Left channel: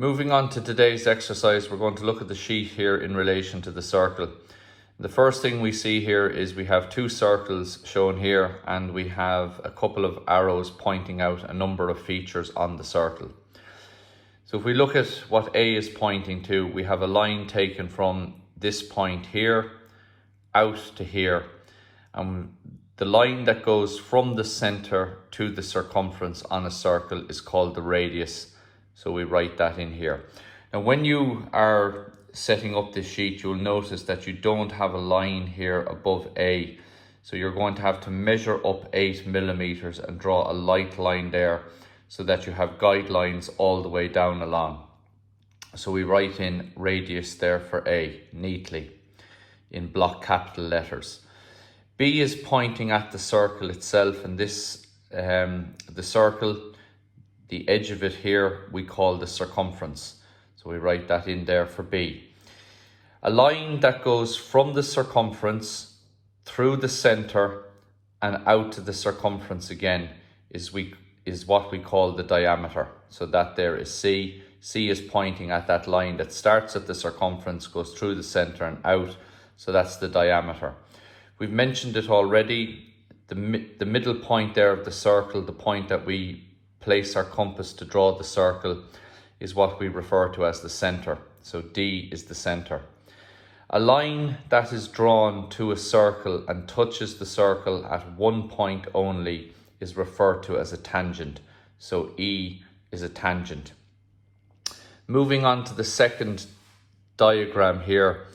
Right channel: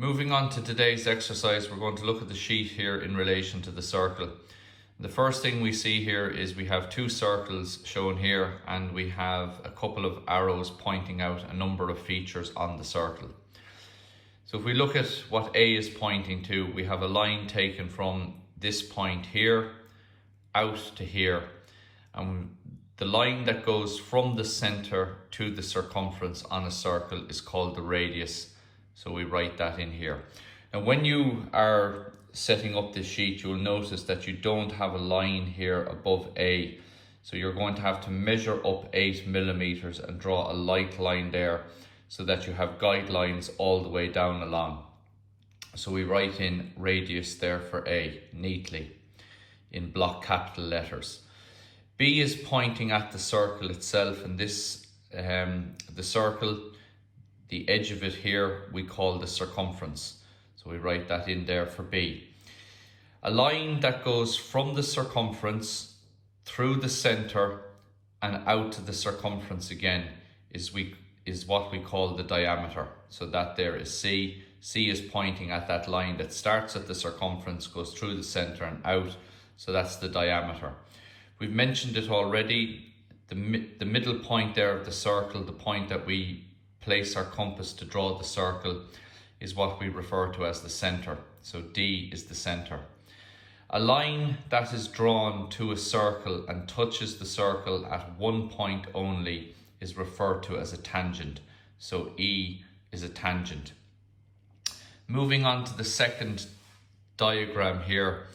Moving on to today's exercise, we're going to look at the sheet here in relation to the circle. The first thing we see here is we have two circles shown here and we have a couple of arrows pointing out a number of features on the circle. So if we look at what A is pointing to, we have a line taken from this point here out to here. And the line that goes from the center to the circumference on a circle is called the radius. So we write that in here. Now when you are setting up this sheet, you'll notice that you don't have a line here above A. So you're going to have to measure up 8 millimeters and draw a light line there so that you have guidelines all the way down along. So we write in radius there for A neatly in block capital letters. B is pointing at the circle itself, and this, the circle, the edge of it here, we call the circumference. So we write that in there for B. A line that goes from the circumference through the center and out to the circumference again is what we call the diameter. So that there is C. C is pointing at that line that starts at the circumference, goes through the center and out. So that's the diameter. We've mentioned it already. The middle point there of the circle, the point that we place our compass to draw the circle, is what we refer to as the center. So D is the center. A line that is drawn to a circle and touches the circle at one point only is referred to as a tangent. So E is a tangent. Moving on to the second diagram here,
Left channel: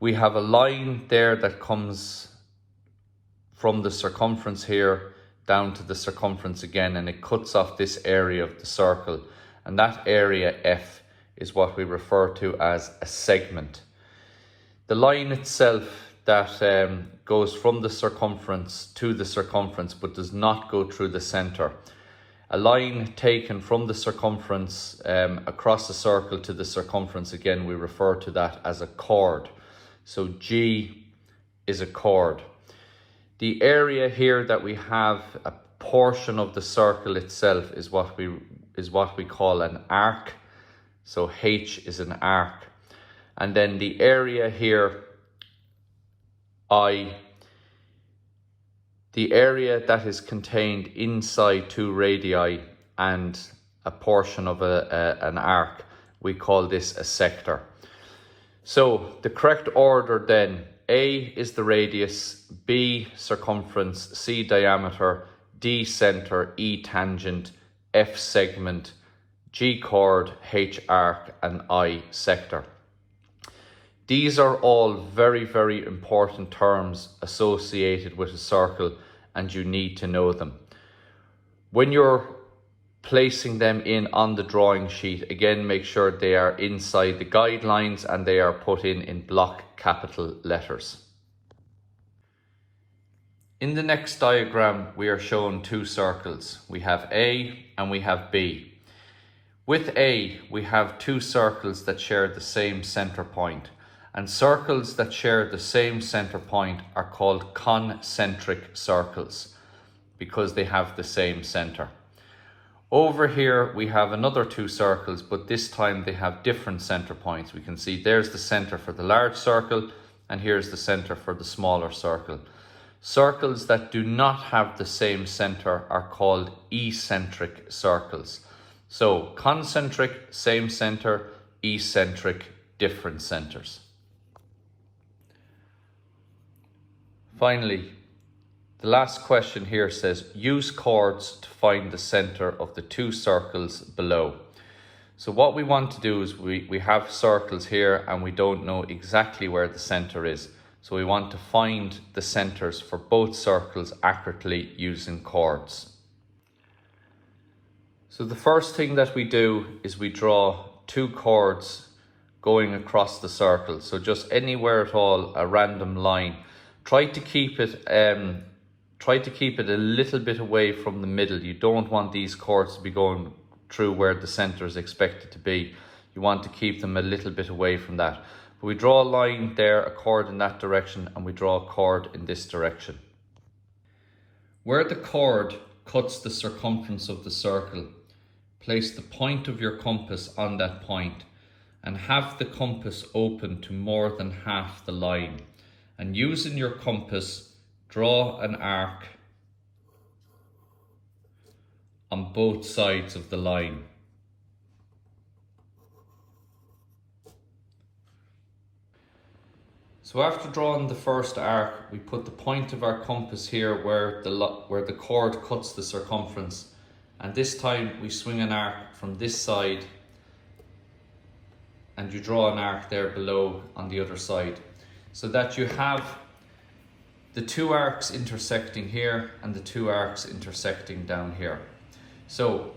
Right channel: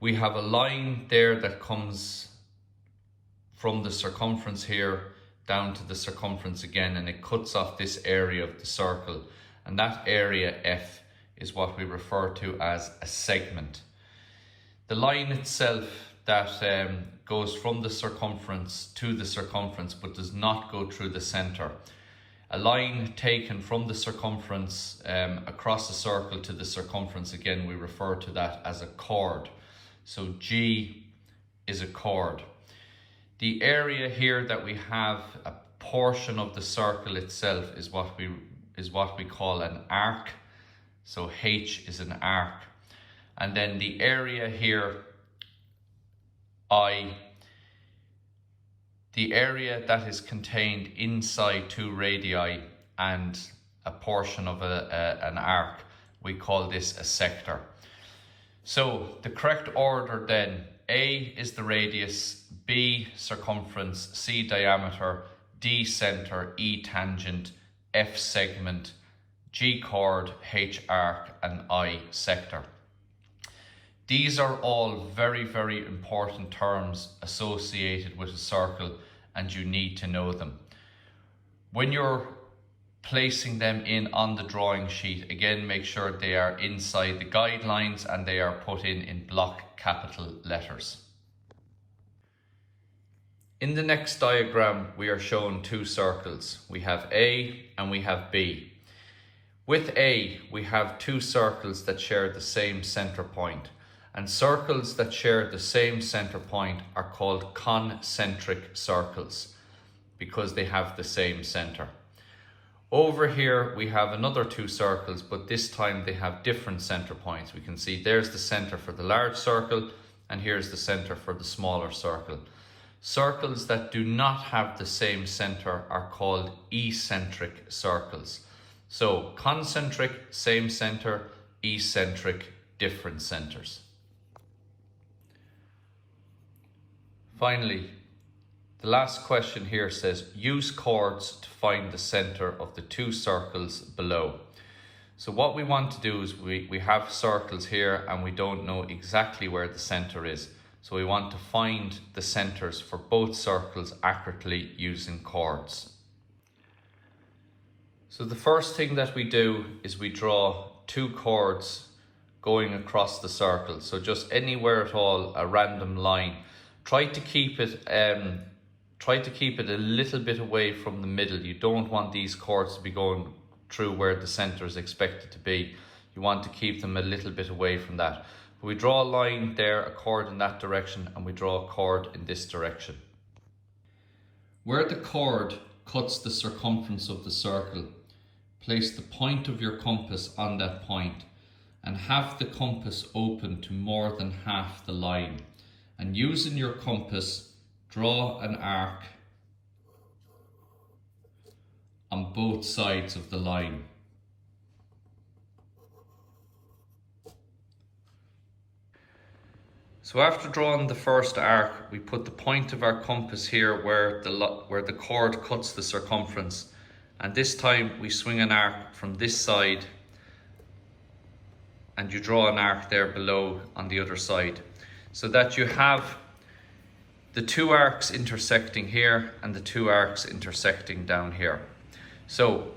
we have a line there that comes from the circumference here down to the circumference again, and it cuts off this area of the circle, and that area F is what we refer to as a segment. The line itself that goes from the circumference to the circumference but does not go through the center. A line taken from the circumference across the circle to the circumference again, we refer to that as a chord. So G is a chord. The area here that we have a portion of the circle itself is what we call an arc. So H is an arc. And then the area here, I, the area that is contained inside two radii and a portion of an arc, we call this a sector. So the correct order then, A is the radius, B circumference, C diameter, D center, E tangent, F segment, G chord, H arc, and I sector. These are all very, very important terms associated with a circle, and you need to know them. When you're placing them in on the drawing sheet, again, make sure they are inside the guidelines and they are put in block capital letters. In the next diagram, we are shown two circles. We have A and we have B. With A, we have two circles that share the same center point. And circles that share the same center point are called concentric circles because they have the same center. Over here we have another two circles, but this time they have different center points. We can see there's the center for the large circle and here's the center for the smaller circle. Circles that do not have the same center are called eccentric circles. So concentric, same center, eccentric, different centers. Finally, the last question here says, use chords to find the center of the two circles below. So what we want to do is we have circles here and we don't know exactly where the center is. So we want to find the centers for both circles accurately using chords. So the first thing that we do is we draw two chords going across the circle. So just anywhere at all, a random line. Try to keep it a little bit away from the middle. You don't want these chords to be going through where the center is expected to be. You want to keep them a little bit away from that. We draw a line there, a chord in that direction, and we draw a chord in this direction. Where the chord cuts the circumference of the circle, place the point of your compass on that point and have the compass open to more than half the line. And using your compass, draw an arc on both sides of the line. So after drawing the first arc, we put the point of our compass here where the chord cuts the circumference. And this time we swing an arc from this side and you draw an arc there below on the other side, so that you have the two arcs intersecting here and the two arcs intersecting down here. So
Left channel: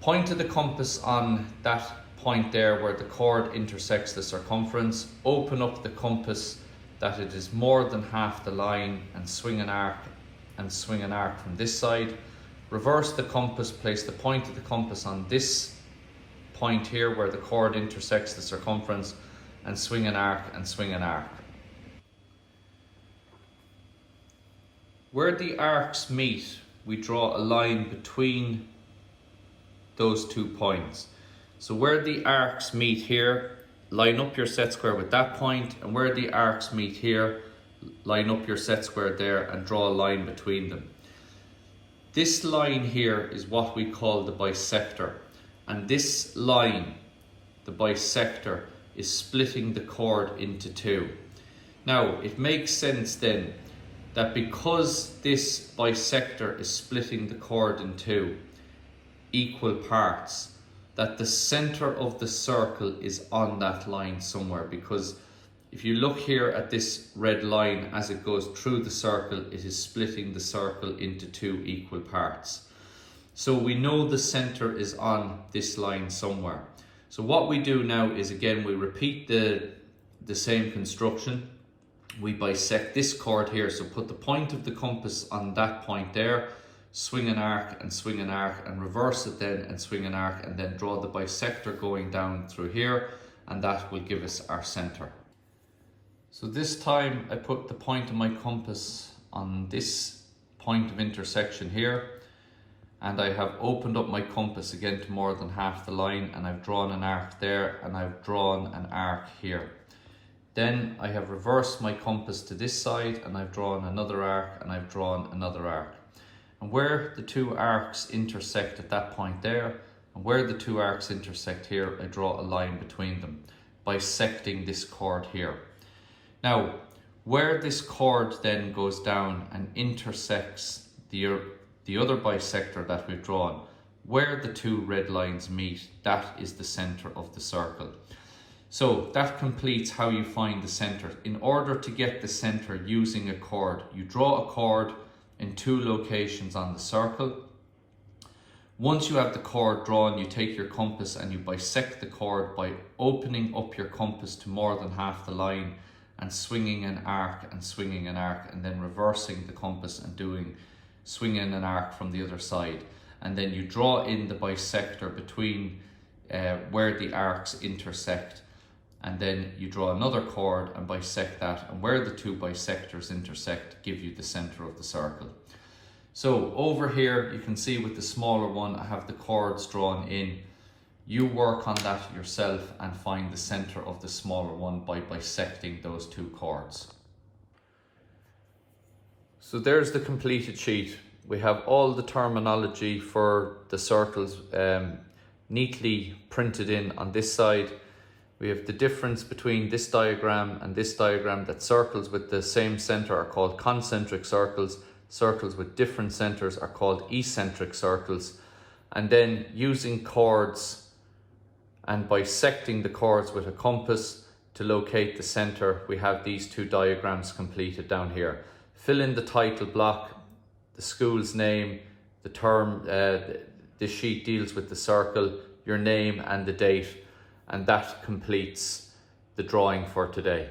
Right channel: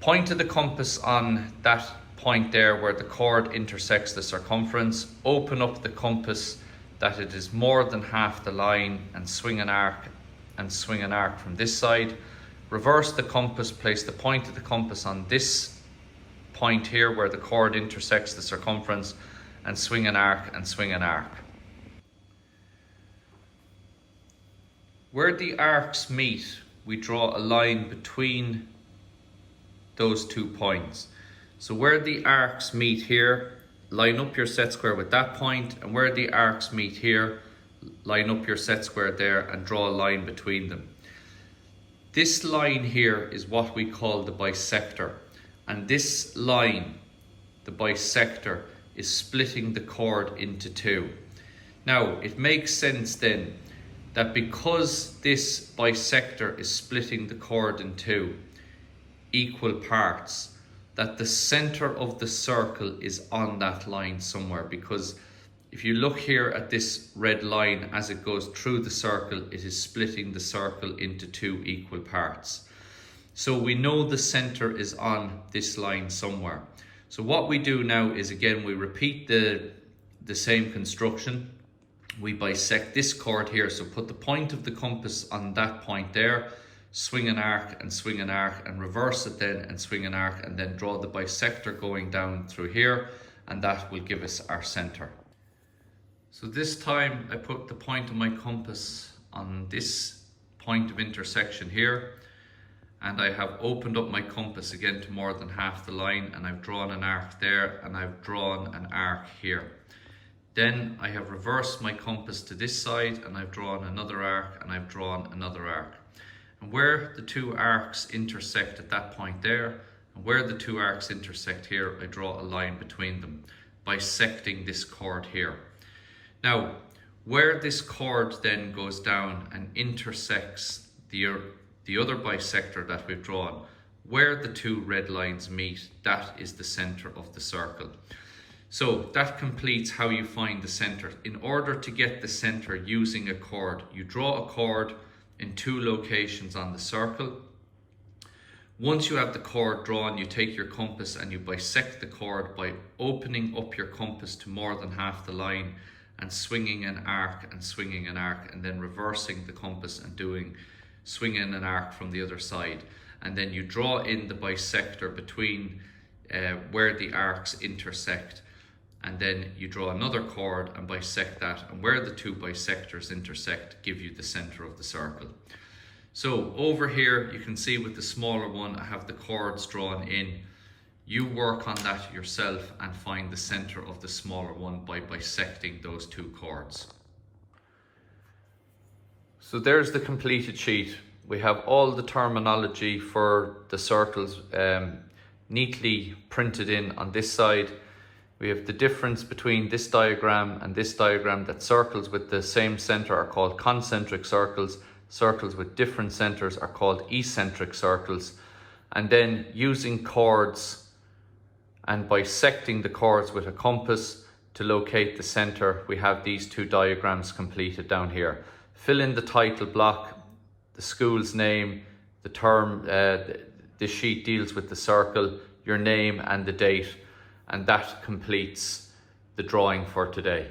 point of the compass on that point there where the chord intersects the circumference, open up the compass that it is more than half the line and swing an arc from this side. Reverse the compass, place the point of the compass on this point here where the chord intersects the circumference and swing an arc and swing an arc. Where the arcs meet, we draw a line between those 2 points. So where the arcs meet here, line up your set square with that point, and where the arcs meet here, line up your set square there and draw a line between them. This line here is what we call the bisector. And this line, the bisector, is splitting the chord into 2. Now, it makes sense then that because this bisector is splitting the chord in 2 equal parts, that the center of the circle is on that line somewhere, because if you look here at this red line as it goes through the circle, it is splitting the circle into 2 equal parts. So we know the center is on this line somewhere. So what we do now is, again, we repeat the same construction. We bisect this chord here, so put the point of the compass on that point there, swing an arc and reverse it then and swing an arc, and then draw the bisector going down through here, and that will give us our center. So this time I put the point of my compass on this point of intersection here, and I have opened up my compass again to more than half the line, and I've drawn an arc there and I've drawn an arc here. Then I have reversed my compass to this side and I've drawn another arc and I've drawn another arc. And where the 2 arcs intersect at that point there, and where the 2 arcs intersect here, I draw a line between them, bisecting this chord here. Now, where this chord then goes down and intersects the other bisector that we've drawn, where the 2 red lines meet, that is the center of the circle. So that completes how you find the center. In order to get the center using a chord, you draw a chord in 2 locations on the circle. Once you have the chord drawn, you take your compass and you bisect the chord by opening up your compass to more than half the line and swinging an arc, and then reversing the compass and swinging an arc from the other side. And then you draw in the bisector between where the arcs intersect, and then you draw another chord and bisect that, and where the 2 bisectors intersect give you the center of the circle. So over here you can see with the smaller one I have the chords drawn in. You work on that yourself and find the center of the smaller one by bisecting those 2 chords. So there's the completed sheet. We have all the terminology for the circles neatly printed in on this side. We have the difference between this diagram and this diagram, that circles with the same center are called concentric circles. Circles with different centers are called eccentric circles. And then using chords and bisecting the chords with a compass to locate the center, we have these 2 diagrams completed down here. Fill in the title block, the school's name, the term, this sheet deals with the circle, your name and the date, and that completes the drawing for today.